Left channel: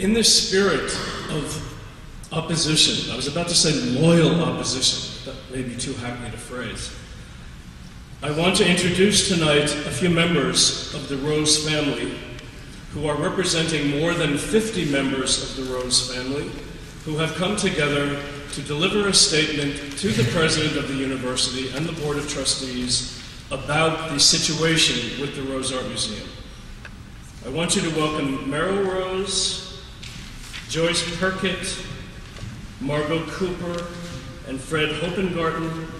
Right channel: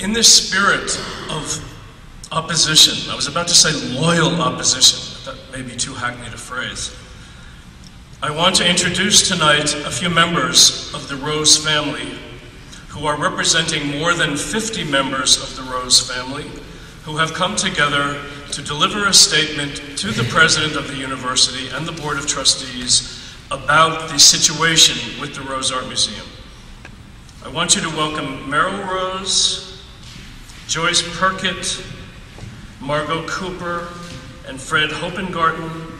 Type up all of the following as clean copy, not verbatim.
In this spirit of opposition, I was about to say loyal opposition, but that may be too hackneyed a phrase, I want to introduce tonight a few members of the Rose family who are representing more than 50 members of the Rose family who have come together to deliver a statement to the president of the university and the board of trustees about the situation with the Rose Art Museum. I want you to welcome Meryl Rose, Joyce Perkett, Margot Cooper, and Fred Hopengarten.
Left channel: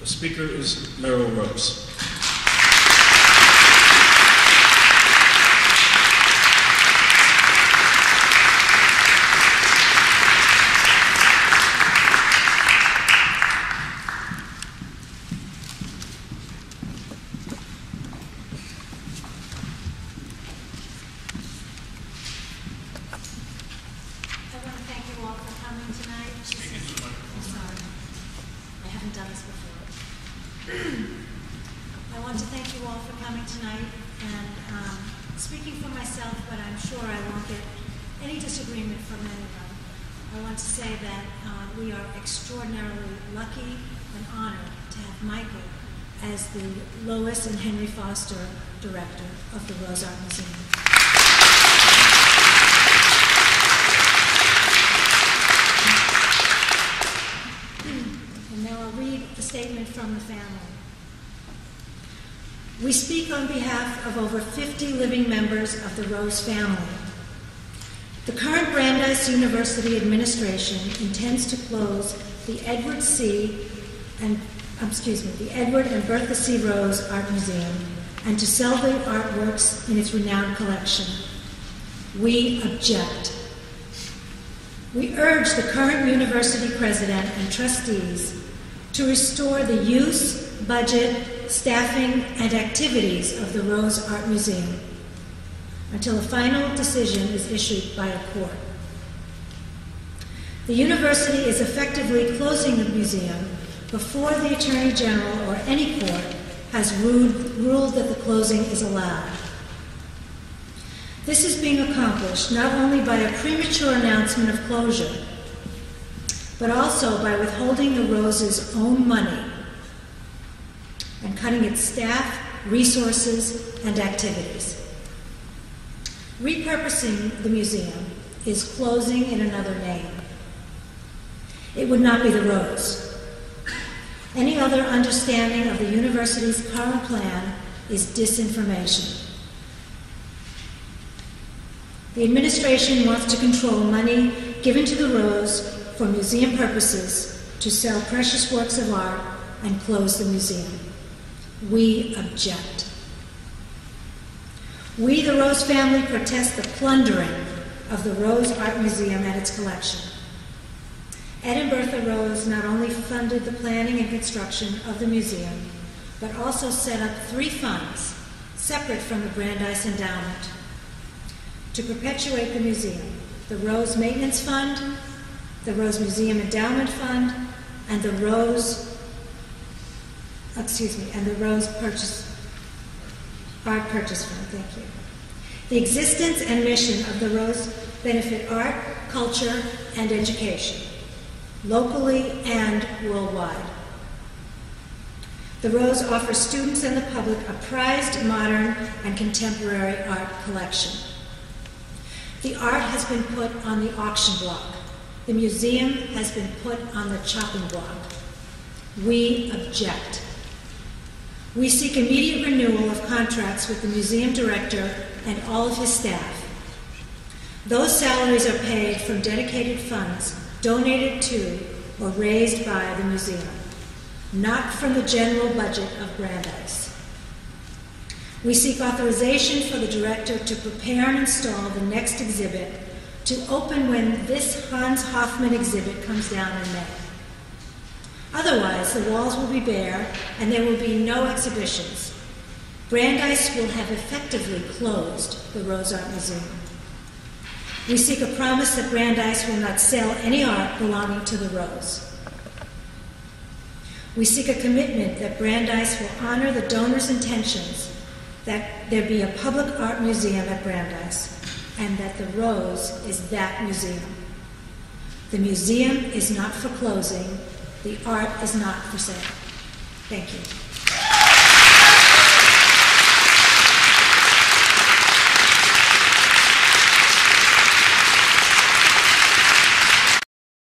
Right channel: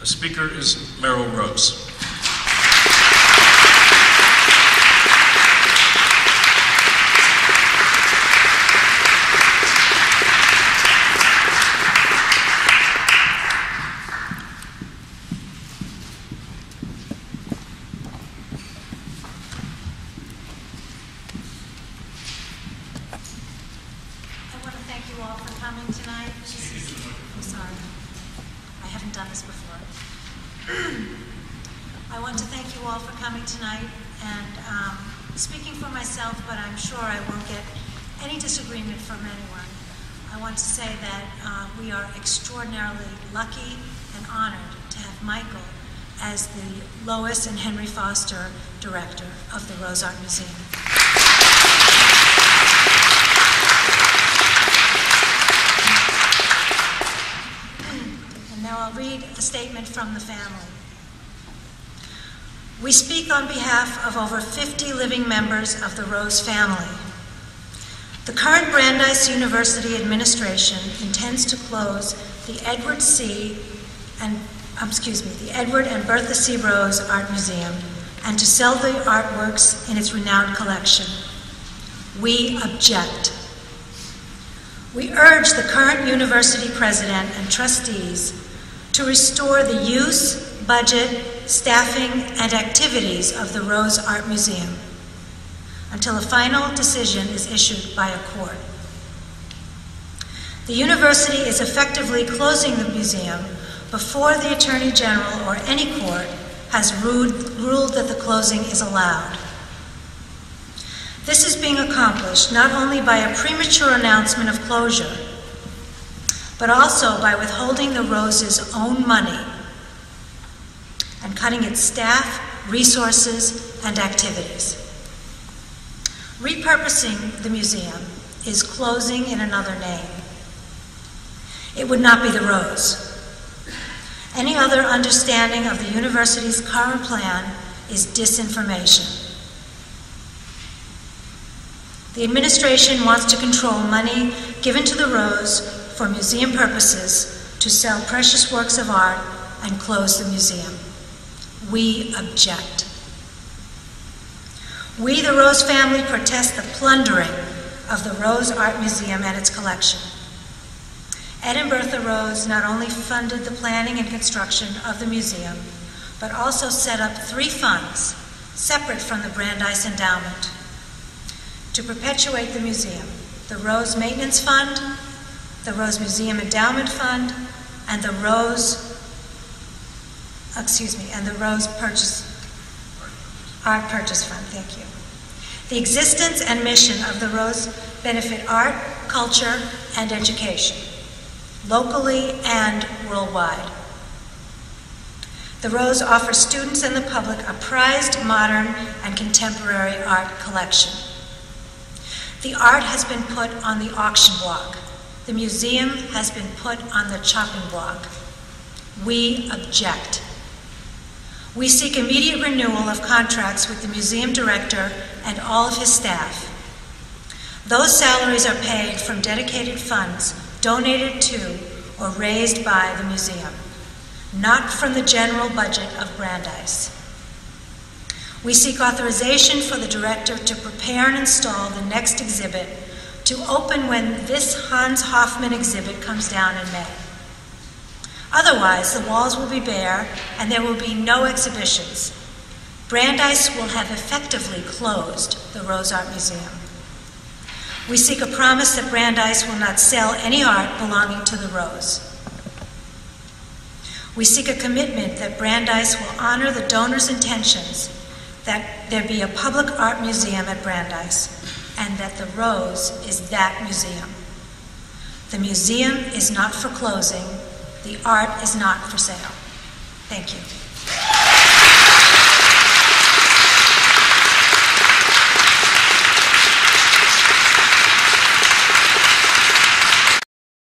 The speaker is Meryl Rose. We are extraordinarily lucky and honored to have Michael as the Lois and Henry Foster Director of the Rose Art Museum. And now I'll read a statement from the family. We speak on behalf of over 50 living members of the Rose family. The current Brandeis University administration intends to close the Edward and Bertha C. Rose Art Museum and to sell the artworks in its renowned collection. We object. We urge the current university president and trustees to restore the use, budget, staffing, and activities of the Rose Art Museum until a final decision is issued by a court. The university is effectively closing the museum before the Attorney General or any court has ruled that the closing is allowed. This is being accomplished not only by a premature announcement of closure, but also by withholding the Rose's own money and cutting its staff, resources, and activities. Repurposing the museum is closing in another name. It would not be the Rose. Any other understanding of the university's current plan is disinformation. The administration wants to control money given to the Rose for museum purposes to sell precious works of art and close the museum. We object. We, the Rose family, protest the plundering of the Rose Art Museum and its collection. Ed and Bertha Rose not only funded the planning and construction of the museum, but also set up 3 funds separate from the Brandeis Endowment to perpetuate the museum: the Rose Maintenance Fund, the Rose Museum Endowment Fund, and the Rose Art Purchase Fund. Thank you. The existence and mission of the Rose benefit art, culture, and education, locally and worldwide. The Rose offers students and the public a prized, modern, and contemporary art collection. The art has been put on the auction block. The museum has been put on the chopping block. We object. We seek immediate renewal of contracts with the museum director and all of his staff. Those salaries are paid from dedicated funds donated to or raised by the museum, not from the general budget of Brandeis. We seek authorization for the director to prepare and install the next exhibit to open when this Hans Hofmann exhibit comes down in May. Otherwise, the walls will be bare and there will be no exhibitions. Brandeis will have effectively closed the Rose Art Museum. We seek a promise that Brandeis will not sell any art belonging to the Rose. We seek a commitment that Brandeis will honor the donor's intentions that there be a public art museum at Brandeis, and that the Rose is that museum. The museum is not for closing. The art is not for sale. Thank you.